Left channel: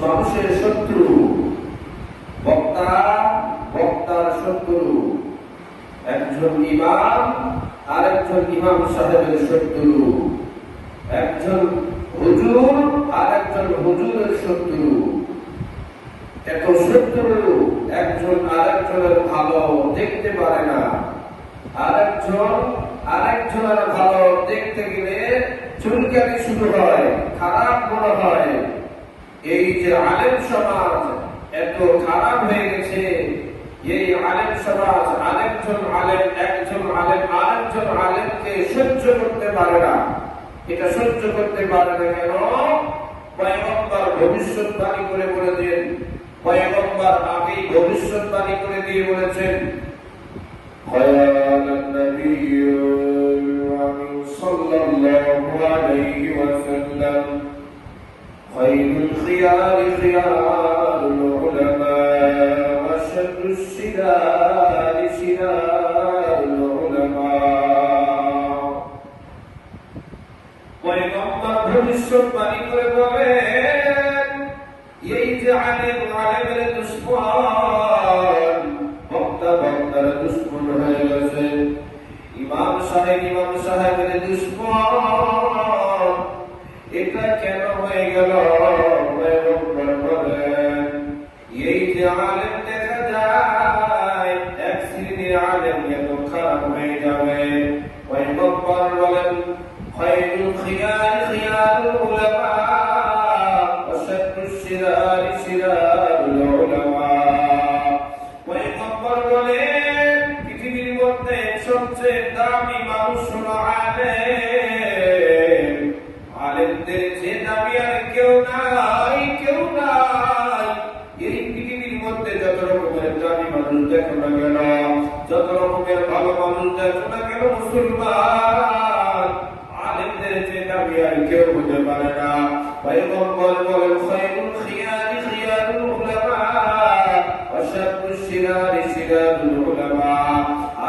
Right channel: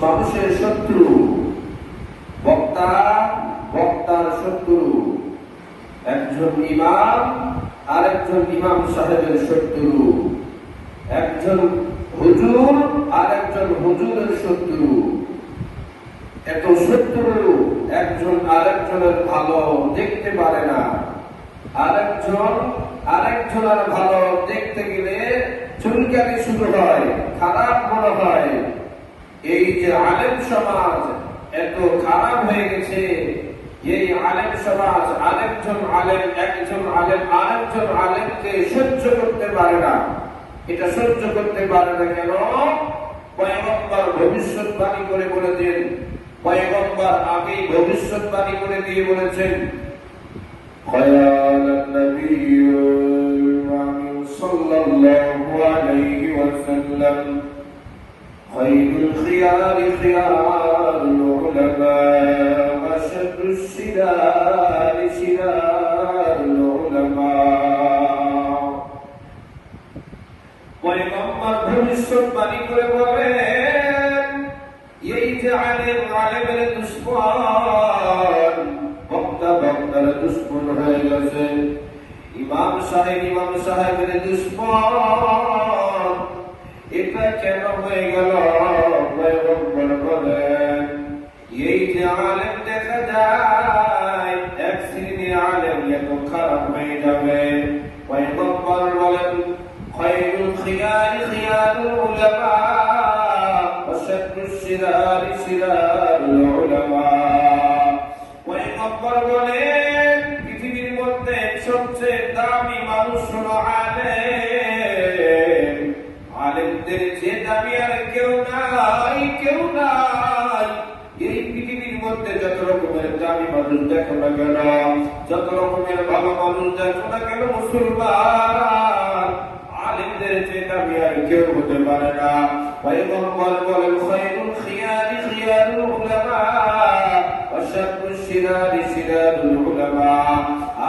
মানুষের শত্রু। বক্তা, বক্তার শত্রু। একজন ইমাম, আরেকজন ইমাম সাহেবের শত্রু। একজন হুজুর, আরেকজন হুজুরের শত্রু। এত শত্রু একজন আরেকজনের ভালো দেখতে পারে না। আরেকজন আরেকজনের ভালো দেখতে গেলে চুলকানি শুরু হয়, খারাপ মনে হয়। এই যে আলেম সমাজ এত খারাপ হয়ে গেছে, এই আলেম সমাজ আরেকজন আলেম, একজন আলেম, আরেকজন আলেমকে সহ্য করতে পারে না। এটা সহ্য করতে পারে না কেন? পয়গম্বর ভবিষ্যৎবাণী করে বলেছেন, পয়গম্বর আগেই ভবিষ্যৎবাণী করে দিয়ে বলেছেন صلى الله عليه وسلم خير الخيار خيار العلماء وشد الشرار شرار العلماء পয়গম্বর ভবিষ্যৎবাণী করে বলেন এই যে আলেম আলেমের দুশ্মন বক্তা বক্তার দুশ্মন হয়ে গেছে ইমাম সাহেব ইমাম সাহেবের দুশ্মন এটা কেন হয়ে গেল এই যে আলেম দেখা যায় এক শ্রেণী আলেম এত খারাপ হয়ে যাবে পয়গম্বর বলেন খায়রুল খিয়ার খিয়ার উলামা অসাদুস সিরার সিরার উলামা সবচেয়ে দামি মানুষ হলো আলেম। আলেমদের যে দামি আর কেউ নাই কেউ নাই। এই পৃথিবীর মধ্যে যত রকমের দামি মানুষ দেখো না কেন যত রকমের ভালো মানুষ দেখো না কেন মুসলমান আলেমদের যে দামি আর কেউ হতে পারে না। পয়গম্বর বলেন খয়রুল খিয়ারি খিয়ারুল উলামা ওয়াশারুশ শিরারি শিরারুল উলামা।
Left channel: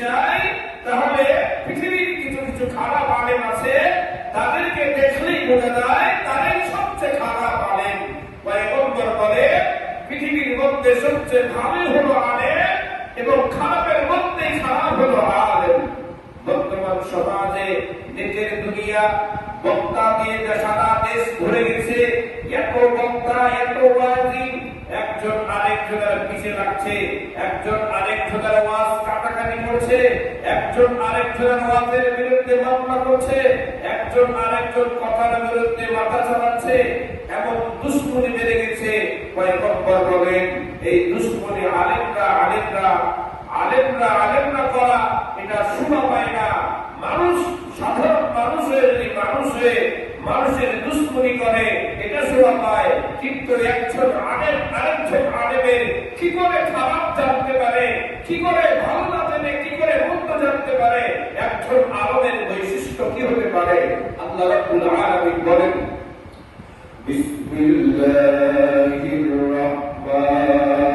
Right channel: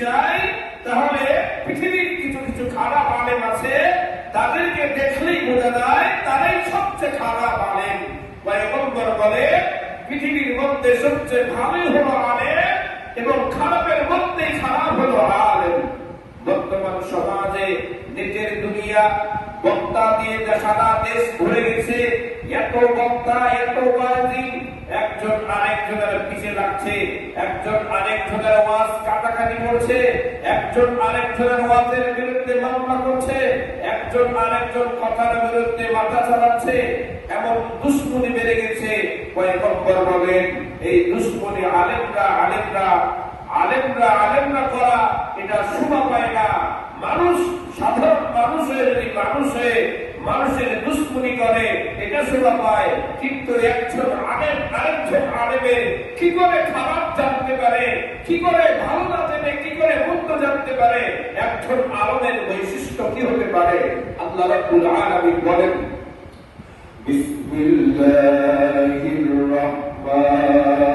চাই তাহলে পৃথিবীর কিছু কিছু খারাপ আলেম আছে, তাদেরকে দেখলেই বোঝা যায় তারাই সবচেয়ে খারাপ পয়গম্বর বলে, পৃথিবীর মধ্যে সবচেয়ে ভালো হলো আলেম এবং খারাপের মধ্যেই খারাপ হলো আলেম। বর্তমান সমাজে নিজের দুনিয়া, বক্তা দিয়ে সারা দেশ ভরে গেছে। এত বক্তা, এত বাজি একজন আরেকজনের পিছিয়ে লাগছে, একজন আরেকজনের ওয়াজ কাটাকাটি করছে, একজন আরেকজনের ওয়াজের বিরুদ্ধে মামলা করছে, একজন আরেকজন কথার বিরুদ্ধে মাথা চালাচ্ছে, এমন দুশ্মনী বেড়ে গেছে। পয়গম্বর বলেন এই দুশ্মনী আলেমরা আলেমরা আলেমরা আলেমরা করা, এটা শোভা পায় না। মানুষ, সাধারণ মানুষের যদি মানুষ হয়ে মানুষের দুশ্মনী করে, এটা শোনা পায় কিন্তু একজন আমের আরেকজন আলেমের কি করে খারাপ জানতে পারে, কি করে ভালো না জেনে, কি করে মুক্ত জানতে পারে? একজন আলমের বৈশিষ্ট্য কি হতে পারে? আল্লাহ রাব্বুল আলামিন বলেন, বিসমিল্লাহির রহমানির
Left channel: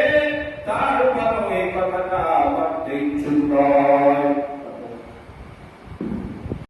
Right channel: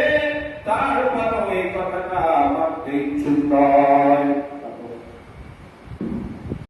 তার এই কথাটা ভাবতে ইচ্ছুক নয়